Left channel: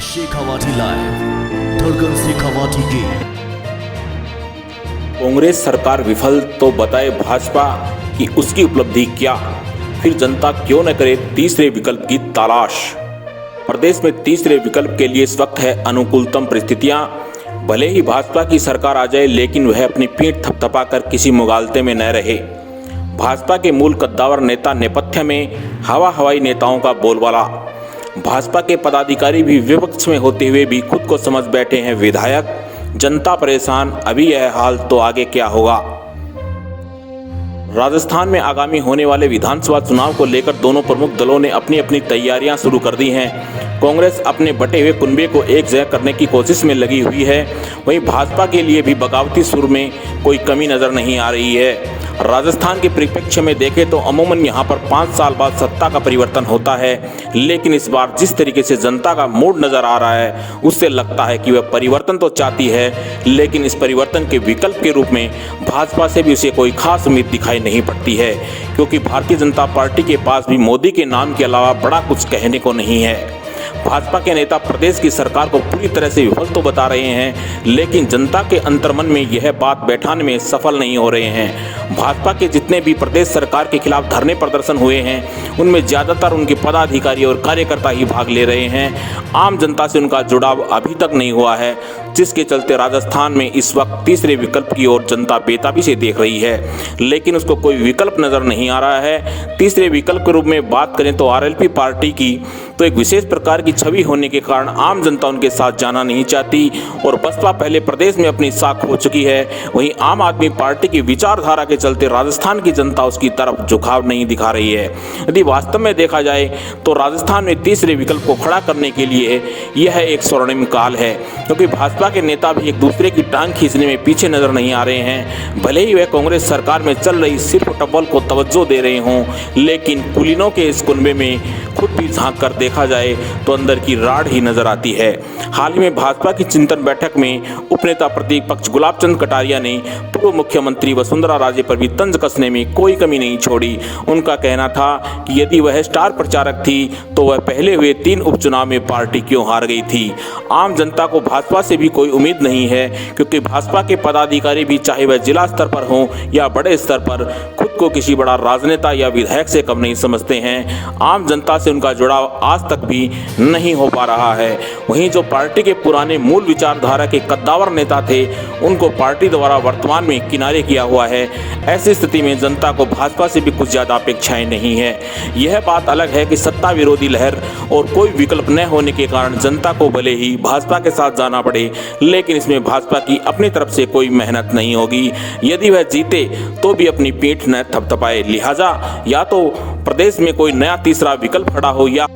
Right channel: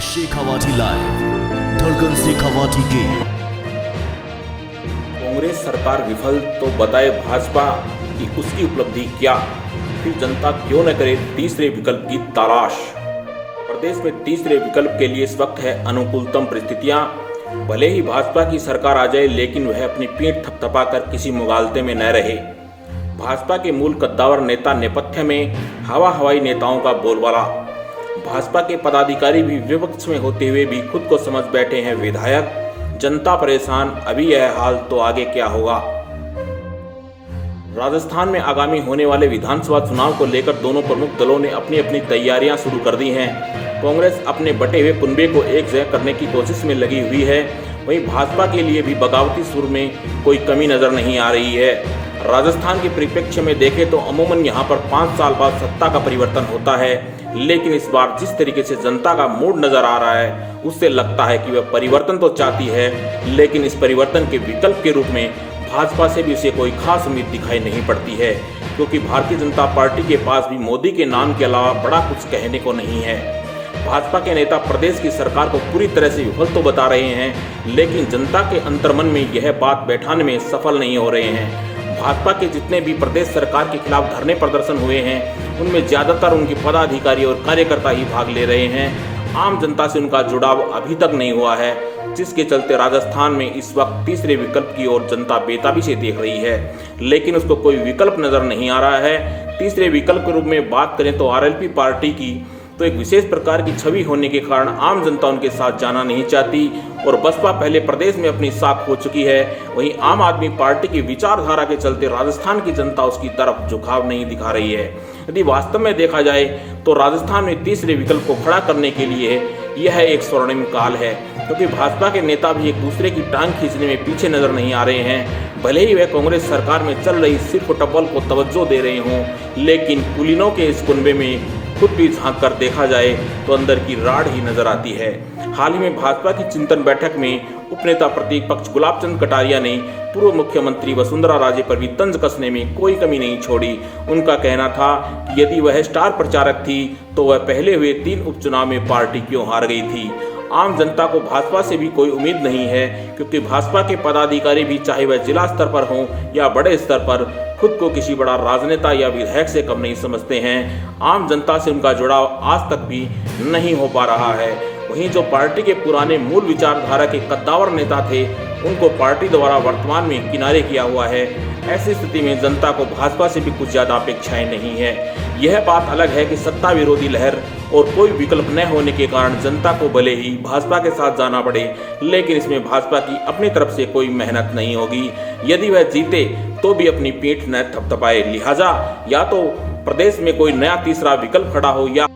Shekhawati live, धड़कन शेखावाटी की। कांग्रेस सरकार विफल तो बताए भाजपा कि उसकी उपलब्धि क्या, फिर जनता क्यों न करे तीसरे विकल्प की तलाश। प्रदेश में तीसरे विकल्प के लिए इस वक्त है अनुकूलतम परिस्थितियां। भले ही भाजपा की सरकार आ जाए, लेकिन वह अपनी पीठ थपथपाकर किसी मुगालते में न रहे। भाजपा के मूल कद्दावर नेता नेपथ्य में हवाई नेताओं का बोलबाला। भाजपा के पदाधिकारी भी विपक्ष में होते हुए भी खुद को समझ बैठे हैं विधायक। जनता परेशान, अभी यह हाल तो आगे क्या होगा। राजस्थान में आगामी होने वाले विधानसभा चुनाव को लेकर दोनों प्रमुख दलों ने अपनी अपनी तैयारियां शुरू कर दी हैं। कांग्रेस अपने बटे हुए कुनबे को एक जगह करने की कोशिश में लगी हुई है, वहीं भाजपा के लिए भी बगावती सुर में कोई कमी नजर नहीं आ रही है। राजस्थान के परिप्रेक्ष्य में देखें तो अमूमन यहां पर 5 साल बाद सत्ता का परिवर्तन होता है, लेकिन इस बार जिस तरीके से जनता का मूड नजर आ रहा है, उससे लगता है कि वह परिवर्तन तो चाहती है, लेकिन इस परिवर्तन के विकल्प के रूप में भाजपा से भी उसे कोई खास उम्मीद दिखाई नहीं पड़ती है, क्योंकि भारतीय जनता पार्टी के पास भी मोदी के नाम के अलावा बड़ा कुछ कहने को नहीं है। भाजपा के नेता प्रदेश की सरकार को पूरी तरह से विफल तो बता रहे हैं, लेकिन जनता के अंतर्मन में यह बात बैठाने में सफल नहीं हो रहे हैं। भाजपा के जितने भी प्रदेश सरकार के खिलाफ धरने प्रदर्शन हुए हैं, उनमें ज्यादातर उनके पदाधिकारी और कार्यकर्ता ही भाग ले रहे हैं। आम जनता से उनका जुड़ाव अभी तक नहीं हुआ है, जिसके चलते राजस्थान में इस वक्त तीसरे विकल्प की ओर जनता बेताबी से देख रही है, लेकिन उसको कोई विकल्प नजर नहीं आ रहा है। तीसरे विकल्प के रूप में बात करें तो आरएलपी पार्टी की तो एक विशेष प्रकार की छवि होने के कारण आम जनता उनके साथ जाना नहीं चाहती, और बसपा पहले प्रदेश में अपनी साख हो चुकी है। वहीं आम आदमी पार्टी की विचारधारा के चलते राजस्थान की जनता उसकी तरफ झुकाव नहीं दिखा रही है। यदि वास्तव में देखा जाए तो राजस्थान में तीसरे विकल्प को खड़ा करने के लिए यह एक स्वर्णिम काल है, क्योंकि भाजपा के नेता भी एक दूसरे की टांग खींचने में पीछे नजर नहीं आ रहे हैं। भले ही वह कांग्रेस सरकार में चल रही सिर्फ टबल को तवज्जो दे रहे हों, लेकिन कुलीनों के इस कुनबे में खुद भी झांक कर देखा जाए तो अंदर की राड़ ही नजर आती है। हाल ही में भाजपा की चिंतन बैठक में उपनेता प्रतिपक्ष गुलाब चंद कटारिया ने पूर्व मुख्यमंत्री वसुंधरा राजे पर भी तंज कसने में कोई कमी नहीं छोड़ी। उनका कहना था कि यदि वह स्टार प्रचारक थी तो वह पहले हुए 3 उपचुनाव में पार्टी क्यों हार गई थी। आम जनता को भाजपा से भी कोई उम्मीद नहीं है, क्योंकि भाजपा के पदाधिकारी भी चाहे वह जिला स्तर पर हों या बड़े स्तर पर खुद को किसी बड़ा राजनेता या विधायक से कम नहीं समझते हैं। आम जनता से उनका जुड़ाव आज तक भी नहीं हो पा रहा है। वहीं जो पार्टी के पुराने मूल विचारधारा के कद्दावर नेता थे, उनको पार्टी द्वारा वर्तमान में किनारे किया हुआ है। ऐसी स्थिति में जनता को भाजपा से भी कुछ ज्यादा अपेक्षाएं नहीं है। यह बात अलग है कि सत्ता विरोधी लहर और कोई विकल्प न होने के कारण जनता को भले ही भाजपा के साथ जाना पड़े, लेकिन इसमें भाजपा की अपनी तरफ से कोई मेहनत नहीं होगी। यदि वह जीते तो भी अपनी पीठ न थपथपाए। लिहाजा या तो प्रदेश में कोई नया तीसरा विकल्प खड़ा हो, या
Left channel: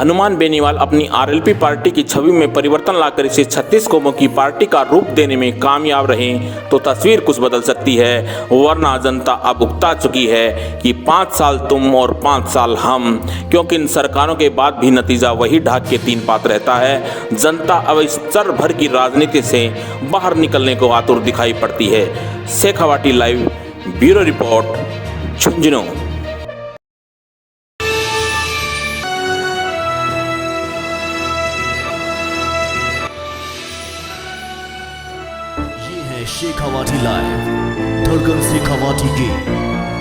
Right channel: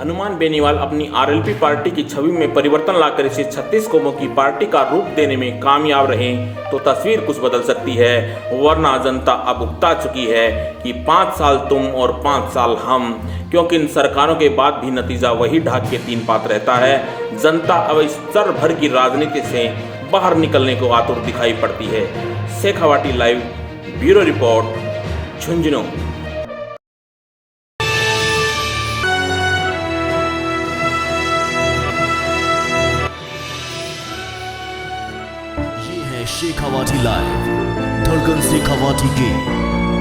हनुमान बेनीवाल अपनी आरएलपी पार्टी की छवि में परिवर्तन लाकर इसे 36 कौमों की पार्टी का रूप देने में कामयाब रहें तो तस्वीर कुछ बदल सकती है। वरना जनता अब उकता चुकी है कि 5 साल तुम और 5 साल हम, क्योंकि इन सरकारों के बाद भी नतीजा वही ढाक के 3 पात रहता है। जनता अब इस चर भर की राजनीति से बाहर निकलने को आतुर दिखाई पड़ती है। Shekhawati live, bureau report, Jhunjhunu. Shekhawati live, धड़कन शेखावाटी की।